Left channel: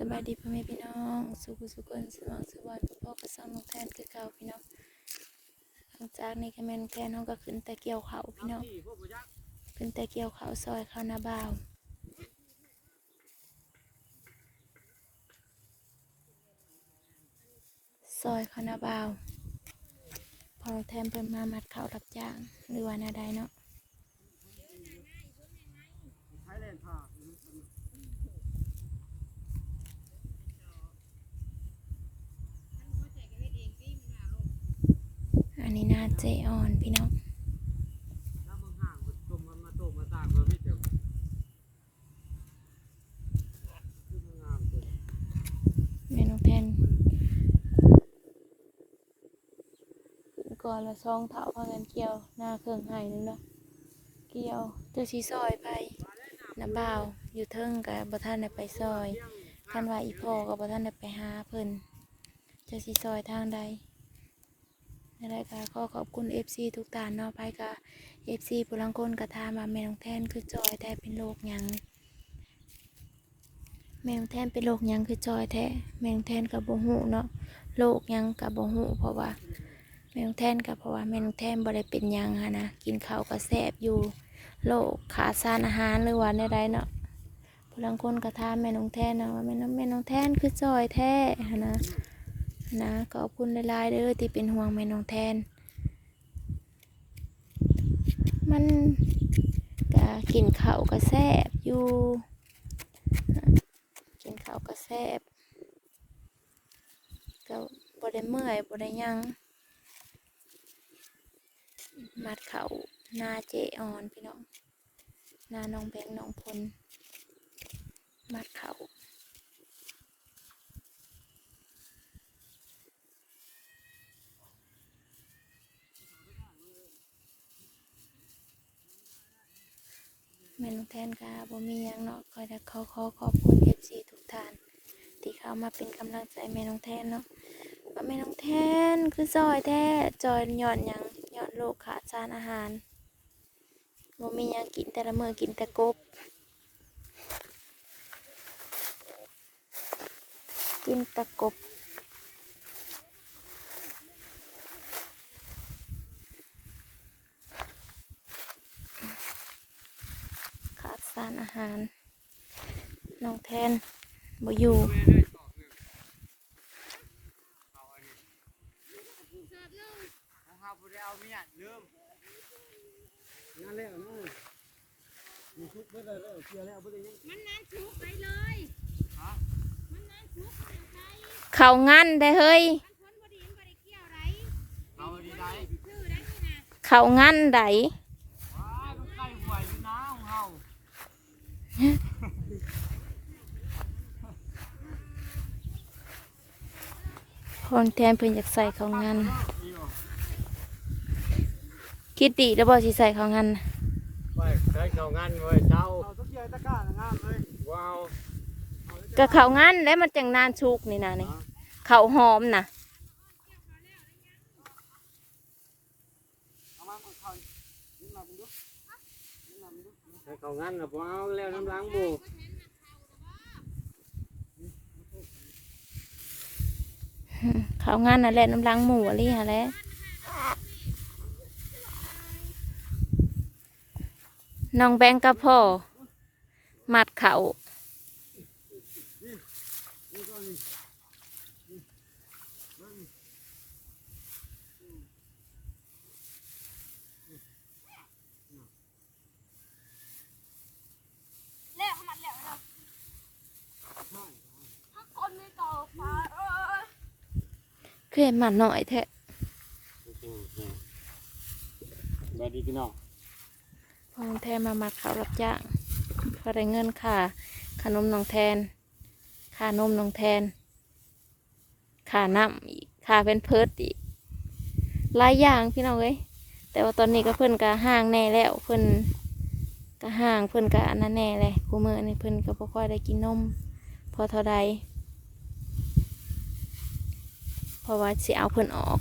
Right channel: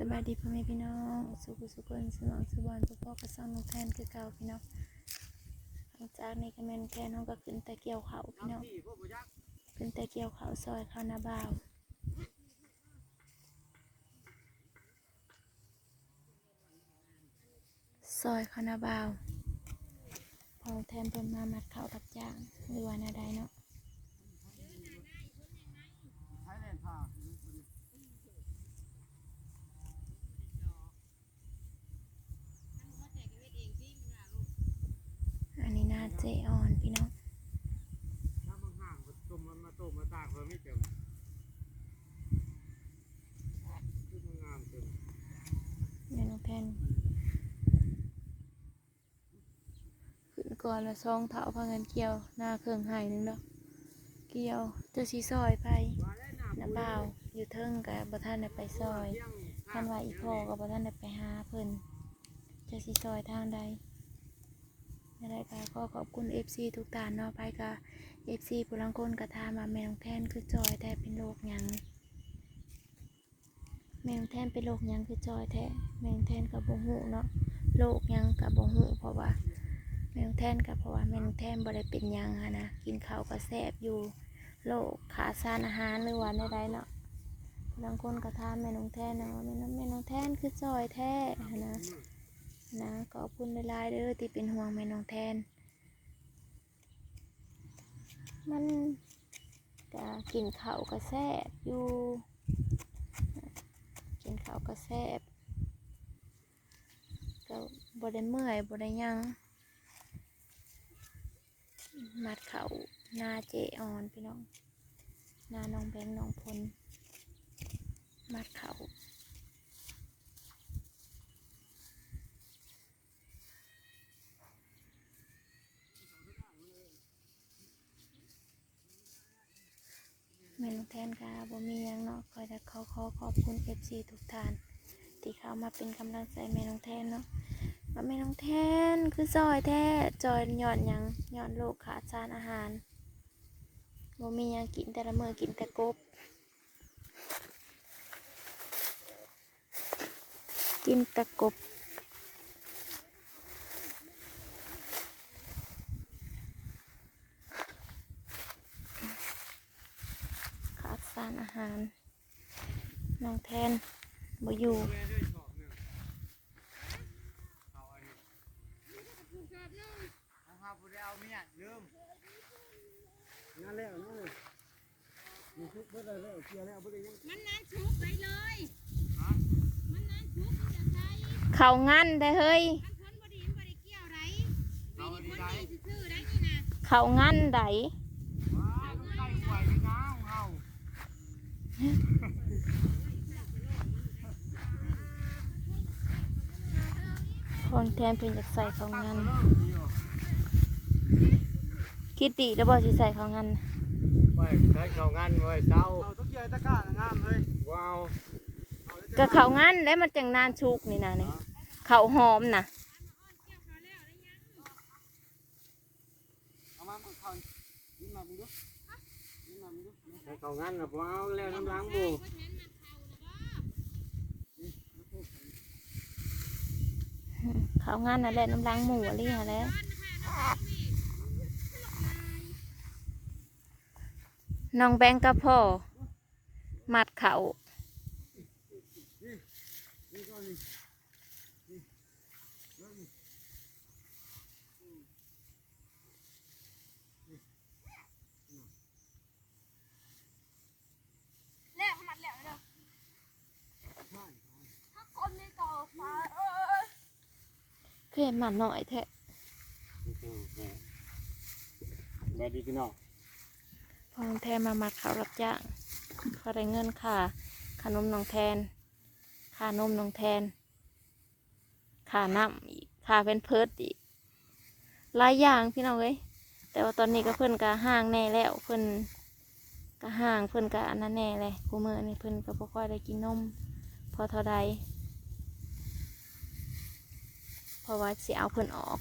สบายดีพ่อแม่พี่น้องสุขสุขนสมองสบอนพ่อพ่อก็ซ่อมน้องแทนคือเก่าพี่น้องหลังจากนี้ก็แมนองแทนน้องก็ขึ้นแต่เกี่ยวเขาพี่น้องขึ้นแต่เกี่ยวเขาซอยเขาหน้าบ่าวซอยเขาหน้าบ่าวพอน้อแทนเพิ่นมามัดเขารับจ้างหรือว่านาใดเนาะ เจออนพี่น้องงานเมไม่เต็มคือมึงงามเต็มแม่น้องแทนขึ้นก่อนละซองเถาพากันเกี่ยว หน้าเครื่องไห้นึงเนาะเกี่ยวเจะสีซอยไปน้ำเบาอยู่เทิงกับบ่ท่านได้ไปซอยท่านว่าอีพ่อกับบ่ท่านได้ไปหาเพิ่นเจะสีซอยทางใด ในรายการก็ขอบคุณ FC ทุกตานเนาะไปกับ FC ผู้ลังคนกระทามาแมนองแทนคือจอยแต่เป็นโรคยังแมงแทนเป็นโรคยังคือจอยแท้แมงแทนกับบ่หูเนาะโรคยังกับบ่หูเพราะว่าแมงแทนกับเพราะว่าแมงแทนบ่ได้เป็นยังฮะนะกินข้าวก็แซ่บอยู่โรคขาดสารอาหารหรือว่าใดๆเนาะพลังคนกระทาแม่น้องแทนนะว่าแม่น้องแม่น้องแทนคือจอยแท้หั้นนะ นะขอบคุณหลายๆเด้อที่เป็นห่วงแม่น้องแทน มันก็กินข้าวก็แซ่บอยู่ กินข้าวก็แซ่บก็บ่ได้เมื่อยบ่ได้ยังมัดเขาหน้าเจออนพี่น้องหน้าน้องแบงน้องพลมัดเขา แม่นองแทนค่ะบ่มีหยังเนาะคอยแต่เขาขอขอบคุณ FC ทุกท่าน ที่เข้ามาเป็นกำลังใจแม่น้องแทนเนาะว่าแม่น้องแทนคือจอยแท้จอยหย่อนยังหย่อนโรคขาดสารอาหารบ่มีหยังกินแต่ละมือกินแต่กบ กินแต่กบ ขาดสารอาหารน้องแทนบ่อยู่นะครับผู้ใดเอาเมียลืมนั่นแหละนั่นเลยมีทุกเบิดเลยแล้วเคลียร์แล้วบ่ได้ยังมันนานชุบไปเลยฮะมันนานชุบอย่างไรเขางั้นได้เฮ้ยมันพ้นบดีมันบริเกี่ยวไรเอาดีได้ซื่อๆได้นี่นะเขางั้นได ว้าต้องใกล้หวยนี่นะของเฮา คนแทนเพิ่นอยากใส่เขางั้นเดียวคิดดีแล้วบ่สิใส่เขางั้นน่ะไปใช้เข้างานไว้เช้าว้าวก็เขางั้นแล้วมันจังนานชุกนี่นะนี่เขาหอมน่ะ ใช้เข้างานน่ะบ่เอาแล้วน้ำล้างบ่เขางั้นน่ะแหละน้ำล้างหมูอะไรหะแหละน้องแบงกับพ่อมัดเขา นี่ก็นี่ แล้วมันแล้วเนาะถ้าคนไม่ก่อฟ้าเออ เพื่อนมัดหน่อยแท้สวัสดีพี่น้องพอน้องแทนมามัดเขารับจ้างพอได้เงินค่าขนมน้องแทนค่านมน้องแทนค่าน้ำอีกค่าเป็นเพิร์ดอีกหลายอย่างพี่น้องเอ้ยแต่ว่าตอนนี้ก็เพิ่นก็ห่างแน่แล้วเพิ่นก็ห่างเพิ่นก็อันนั้นแน่เลยกูมือนี่เพิ่นก็บ่ค่อยได้กินนมพอเท่าใดเพ ราะว่าสิเอาเพิ่นออก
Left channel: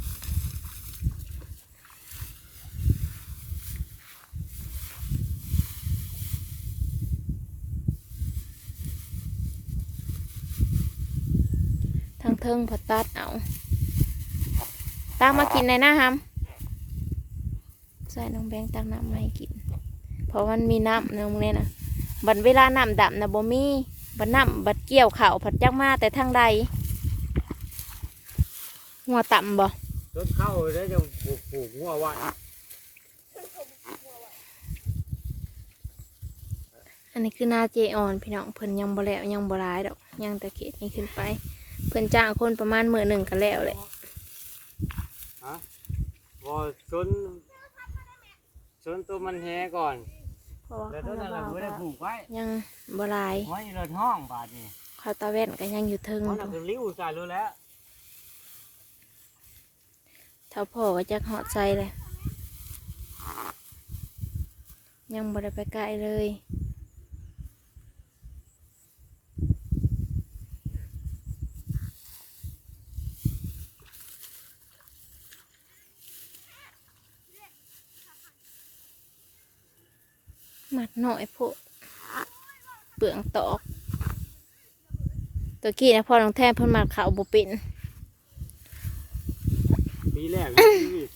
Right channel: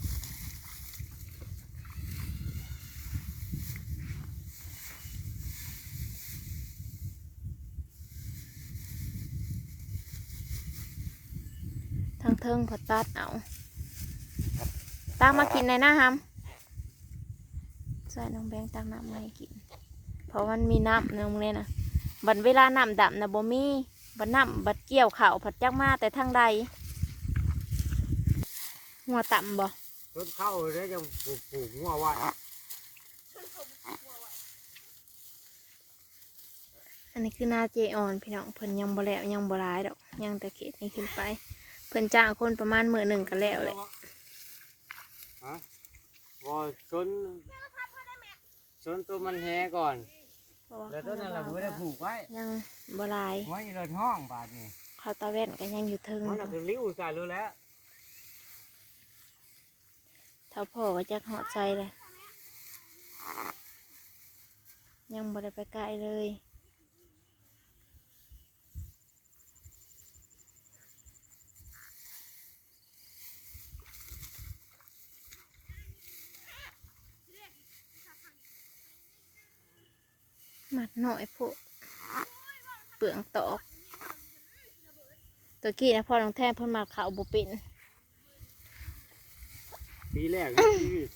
ทางเทิงพอตัดเอาตั้งมากินในหน้าฮัมใส่น้องแบงตั้งน้ำมาให้กิน เพราะมันมีน้ำในโรงเรียนนะบัดเวลาน้ำดำนะบ่มีบัดน้ำบัดเกี่ยวเข่าผัดจักมาแต่ทางใด หัวต่ำบ่ต้นเข้าได้จะปลูกปลูกงัวไว้อันนี้คือหน้าเจออนพี่น้องเพิ่นยังบ่แล้วยังบ่ร้ายดอกยังแต่เขตนี้ขึ้นไป เพิ่นจ้างคนประมาณมื้อหนึ่งก็แล้วแหละฮะพอสนสนตัวมันแหก่อนเพราะว่าแล้วเขาต้นนั้นเราไม่ได้ปลูกไว้ยังบ่ร้ายไว้ในห้องบาดนี่เขาตาแว่นก็ยังอยู่เทิงมันอน่ะยู่เป็นริ้วใส่เลยแล้วเท่าพ่อก็จักหอดใจเลย ยังบ่ได้ไปไกลเลยหมัดหน่อยพวกเปลืองตอก ตัวกี้นะพ่อน้องแทนเพิ่นหมัดขาวบุป็น ปีแรกในชีวิต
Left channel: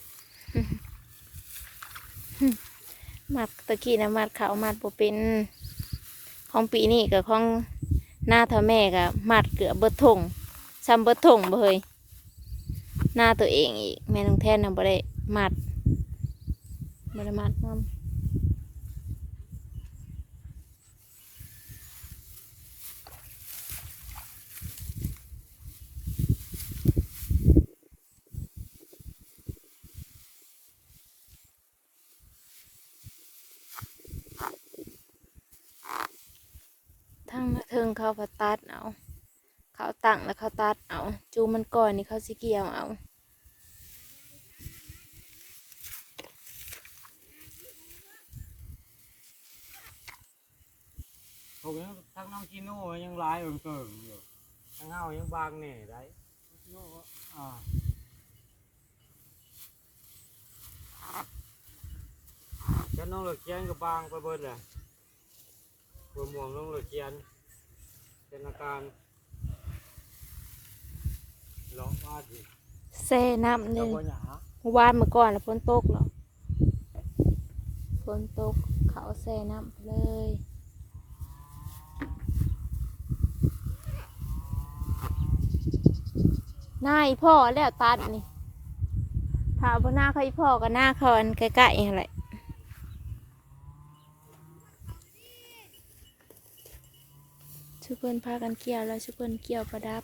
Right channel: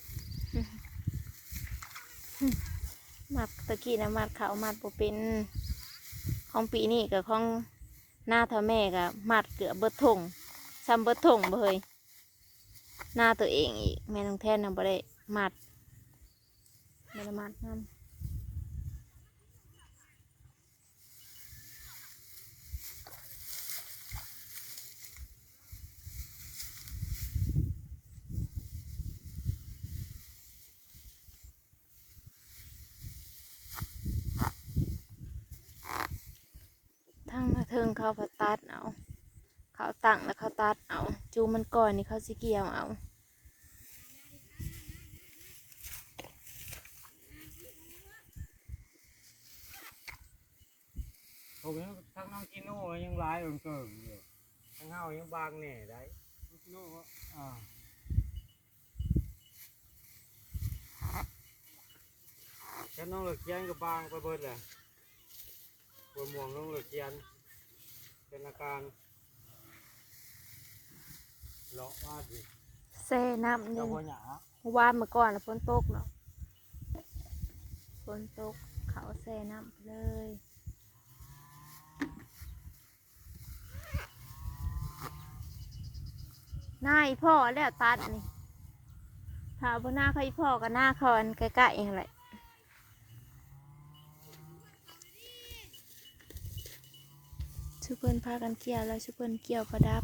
หมัดตะกี้นะหมัดขาวหมัดบุเป็นของปีนี้กับของหน้าเท่าแม่กับหมัดเกือบเบิดทงซ้ำเบิดทงบ่เฮยหน้าตัวเองอีกแม่น้องแทนนะบ่ได้หมัดบ่ได้หมัดน้ำ ทั้งมา เทิงเขาพอตัดเอาเขาตั้งแล้วเขาตัดเอา จูมันก่อนนี่เขาสิเกี่ยวเอาผมยังทั้งน้องกิโน่ยังลายเอิงเกิงอยู่ทั้งเฮายังบางแหน่ได้กิโน่อ่าแค่น้องเหลือเกียนก็บางไปเบิดเลยปวม่วงน้องเหลือเกียน เป็นอาการเลาะมาดิแซ่น้ำเจ้าเลยบ่หยาเมื่อวานเมื่อก่อนน่ะฝนตกเนาะฝนตกเขาแซ่น้ำไปเลยหน้าอีพ่อแล้วตัดนี่ถามว่าหน้าเขาอีพ่อกับหน้าคอนใกล้ๆนั่นแหละ ชุเพิ่นพากันเกี่ยวแล้วชุเพิ่นเกี่ยวประดับ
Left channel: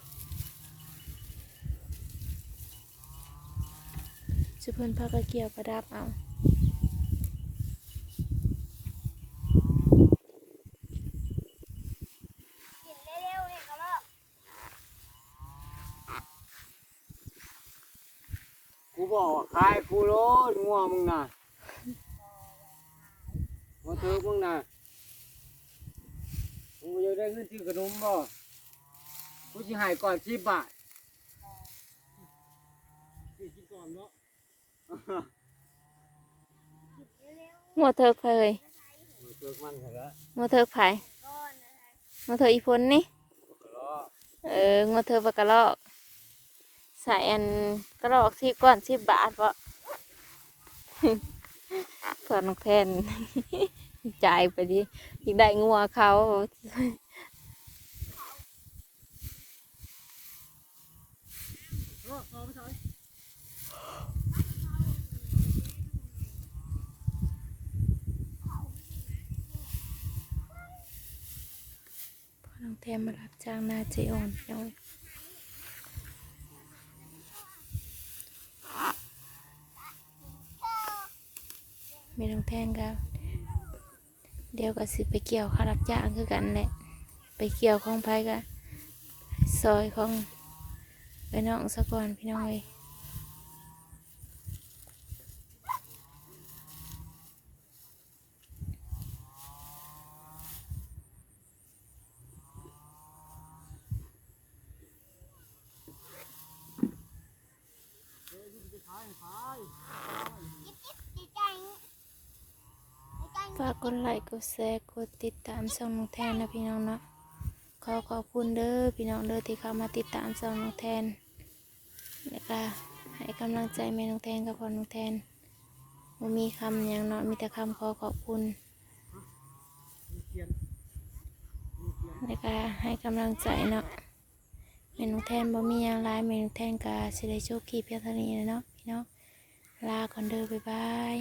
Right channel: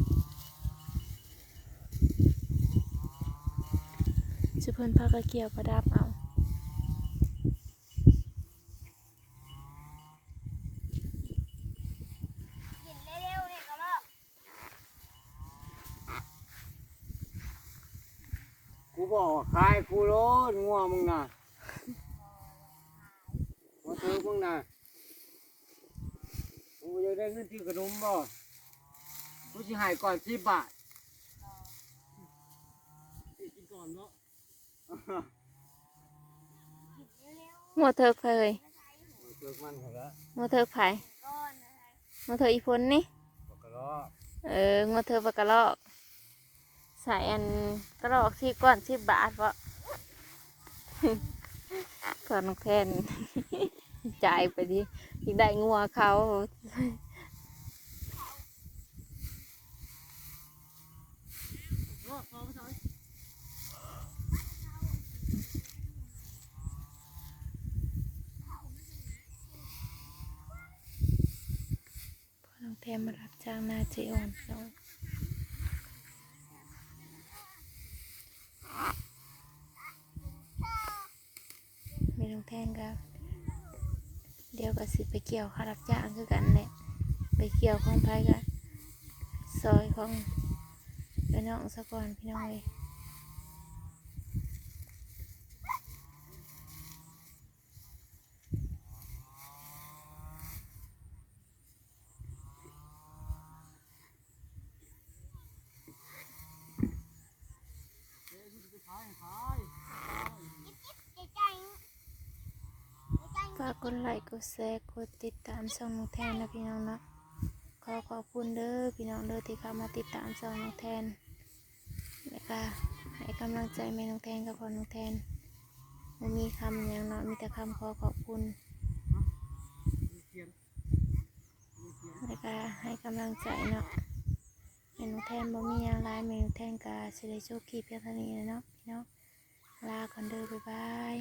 ชุเพิ่นพากันเกี่ยวประดับเอากูบอกว่าขายกูโลดงัวมึงน่ะว่าเธอมึงน่ะ ได้เงินที่ขนมบ่กูจะให้ก่อนสิบบาทกินก่อนเนาะหัวเถิกไผเลยเลิกมันเขาละหัวเถิกไผหัวเถิกอีพนนี่บอกกะล้อเอองัวเธอปลากระลอก ใส่อันกระลอกสิบก้อนสิบบาทวะก่อนน้องแทน จ่ายไปดิอีกได้งัวเขา พ่อน้อง แกมารับจ้างนาเจออนพี่น้อยไม่ต้องแทนกันเดี๋ยวก็สิไปเกี่ยวข้ารับจ้างคือกันแหละไปเกี่ยวของไผกันซอยของไปน้องสะก่อนพี่น้อย ฝากกดไลค์กดแชร์กดติดตามช่องน้องแทนนะพี่น้องเนาะขอขอบคุณเด้อพี่น้องเด้อที่เข้ามาติดตามซองน้องแทนแล้วก็ให้กำลังใจแม่น้องแทนกับพ่อน้องแทนบ่มีคำอย่างเนาะมีแต่คำขอขอบคุณเขียนมีเขียนแล้วก็ให้กำลังใจเนาะแม่น้องแทนบ่มีอย่างไรแม่น้องแทนก็สิได้โชคดีเพียงเท่านี้แหละ เนาะลาก่อนเด้อบ๊ายบาย